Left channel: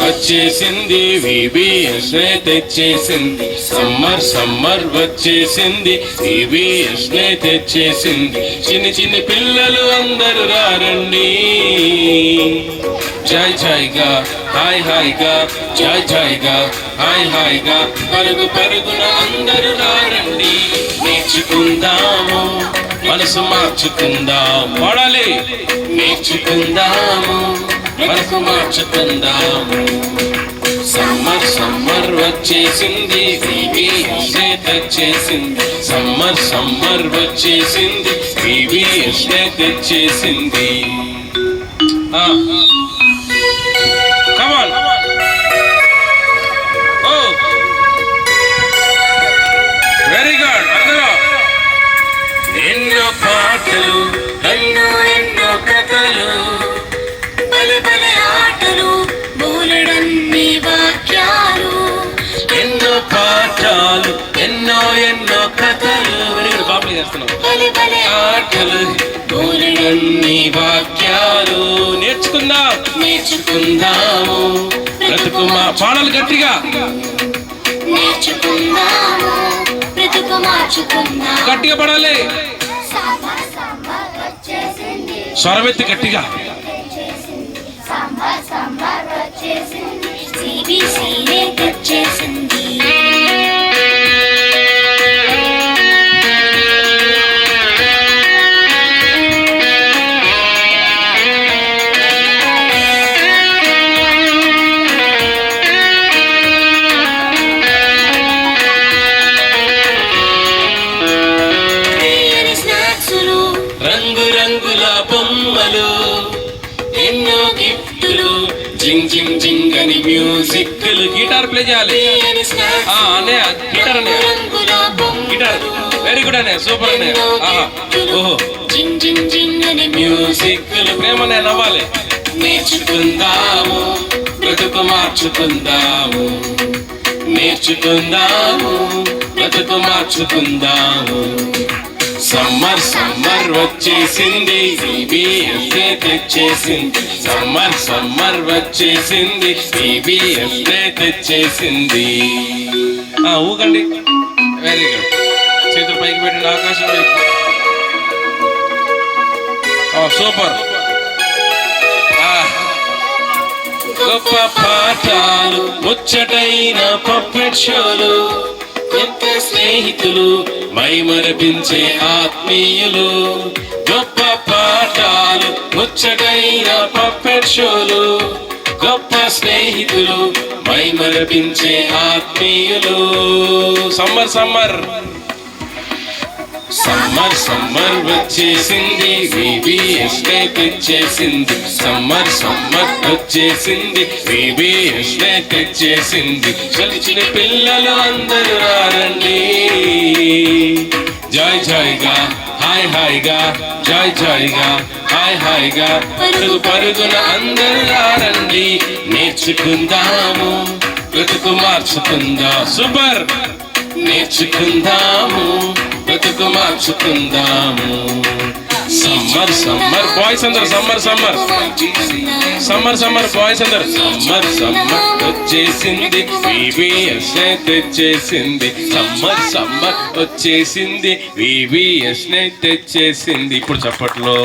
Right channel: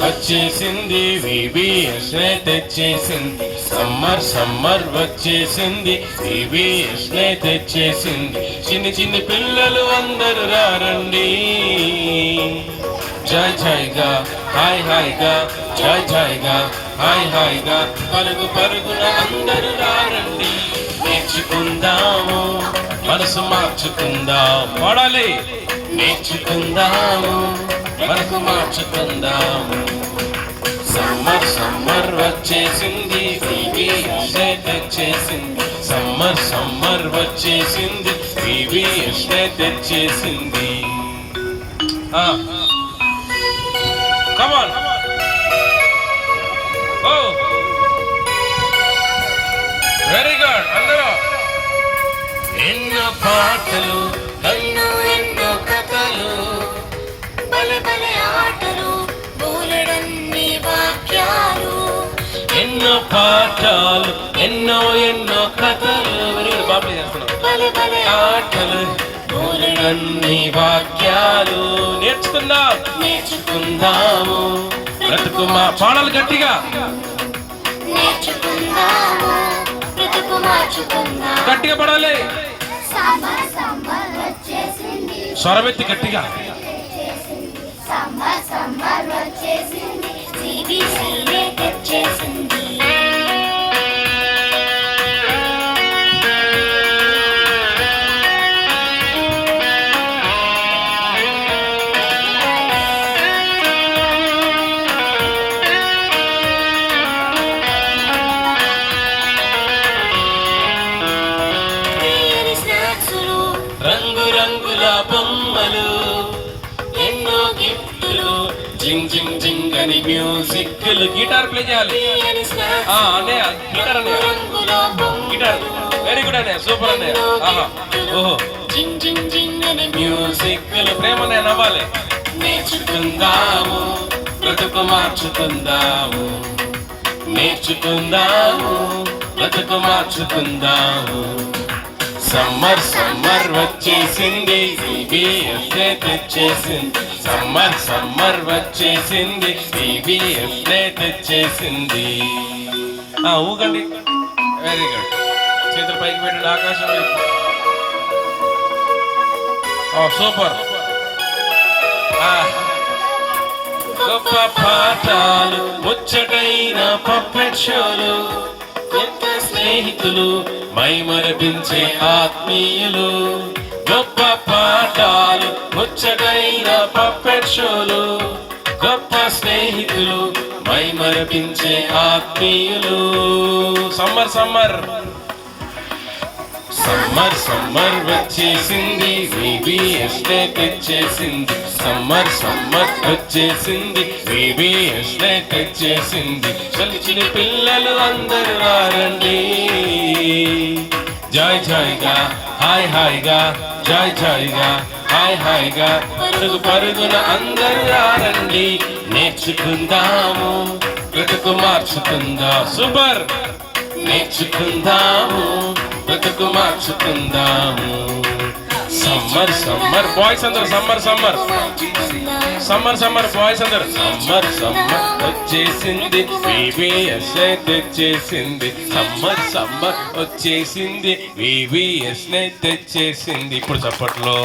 వచ్చేసింది VBS నే తెచ్చేసింది summer వచ్చేసింది VBS నే తెచ్చేసింది చిన్ని పిల్లలు అందరూ రారండి జై జైగా హాయిగా జైగా హాయిగా పరుగున అందరూ రారండి నేర్చుకుందాము మనసు మార్చుకుందాం పాడాలి నేర్చుకుందాము మనసు మార్చుకుందాము సమ్మర్ వచ్చేసింది VBS నే తెచ్చేసింది సమ్మర్ వచ్చేసింది VBS నే తెచ్చేసింది Come on. Oh. Very good. అందరూ ఎన్నో పాటలు ఎన్నో కథలు బలే ఆటలు బోలెడన్ని వాక్యాలు ఎన్నో పాఠాలు ఎన్నో కథలు వెరీ గుడ్ బాబులు చేస్తున్నాం బలే ఆటలు బోలెడన్ని వాక్యాలు నేర్చుకుందాము బ్రతుకు మా పాటలు గట్టిగా నేర్చుకుందాము బ్రతుకు మార్చుకుందాం గట్టిగా పడాలి సమ్మర్ వచ్చేసింది స్వరమెత్తి గట్టిగా సమ్మర్ వచ్చేసింది CBC నే తెచ్చేసింది రంగుల బొమ్మలు ఎన్నో గిఫ్టులు జింగ్ అని మ్యూజిక్లు గిటార్ ప్లే చేయాలి గిటార్ వెరీ గుడ్ అనే సూపర్ అనే ఓహో జింగ్ మ్యూజిక్లు ప్రేమనే నవ్వాలి నేర్చుకుందాము బ్రతుకు మార్చుకుందాము నేర్చుకుందాము బ్రతుకు మార్చుకుందాము సమ్మర్ వచ్చేసింది VBS నే తెచ్చేసింది సమ్మర్ వచ్చేసింది VBS నే తెచ్చేసింది ఊగండి వెరీ గుడ్ చేతులు పైకి పెట్టండి ఆకాశం వైపు సూపర్ గొప్ప పాఠాలు ముచ్చటైన పప్పెట్ షోలు కొత్త స్నేహితులు మైమరపించే ఆత్మీయులు గొప్ప పాఠాలు ముచ్చటైన పప్పెట్ షోలు గొప్ప స్నేహితులు మైమరపించే ఆత్మీయులు సమ్మర్ వచ్చేసింది VBS నే తెచ్చేసింది సమ్మర్ వచ్చేసింది VBS నే తెచ్చేసింది చిన్న పిల్లలు అందరూ రారండి జైగా హాయిగా జైగా హాయిగా పరుగున అందరూ రారండి నేర్చుకుందాము బ్రతుకు మార్చుకుందాం సూపర్ నేర్చుకుందాము బ్రతుకు మార్చుకుందాము సమ్మర్ బాయ్స్ అందరు సమ్మర్ బాయ్స్ అందరు సమ్మర్ వచ్చేసింది VBS నే తెచ్చేసింది సమ్మర్ వచ్చేసింది VBS నే తెచ్చేసింది ఇప్పుడు చప్పట్లో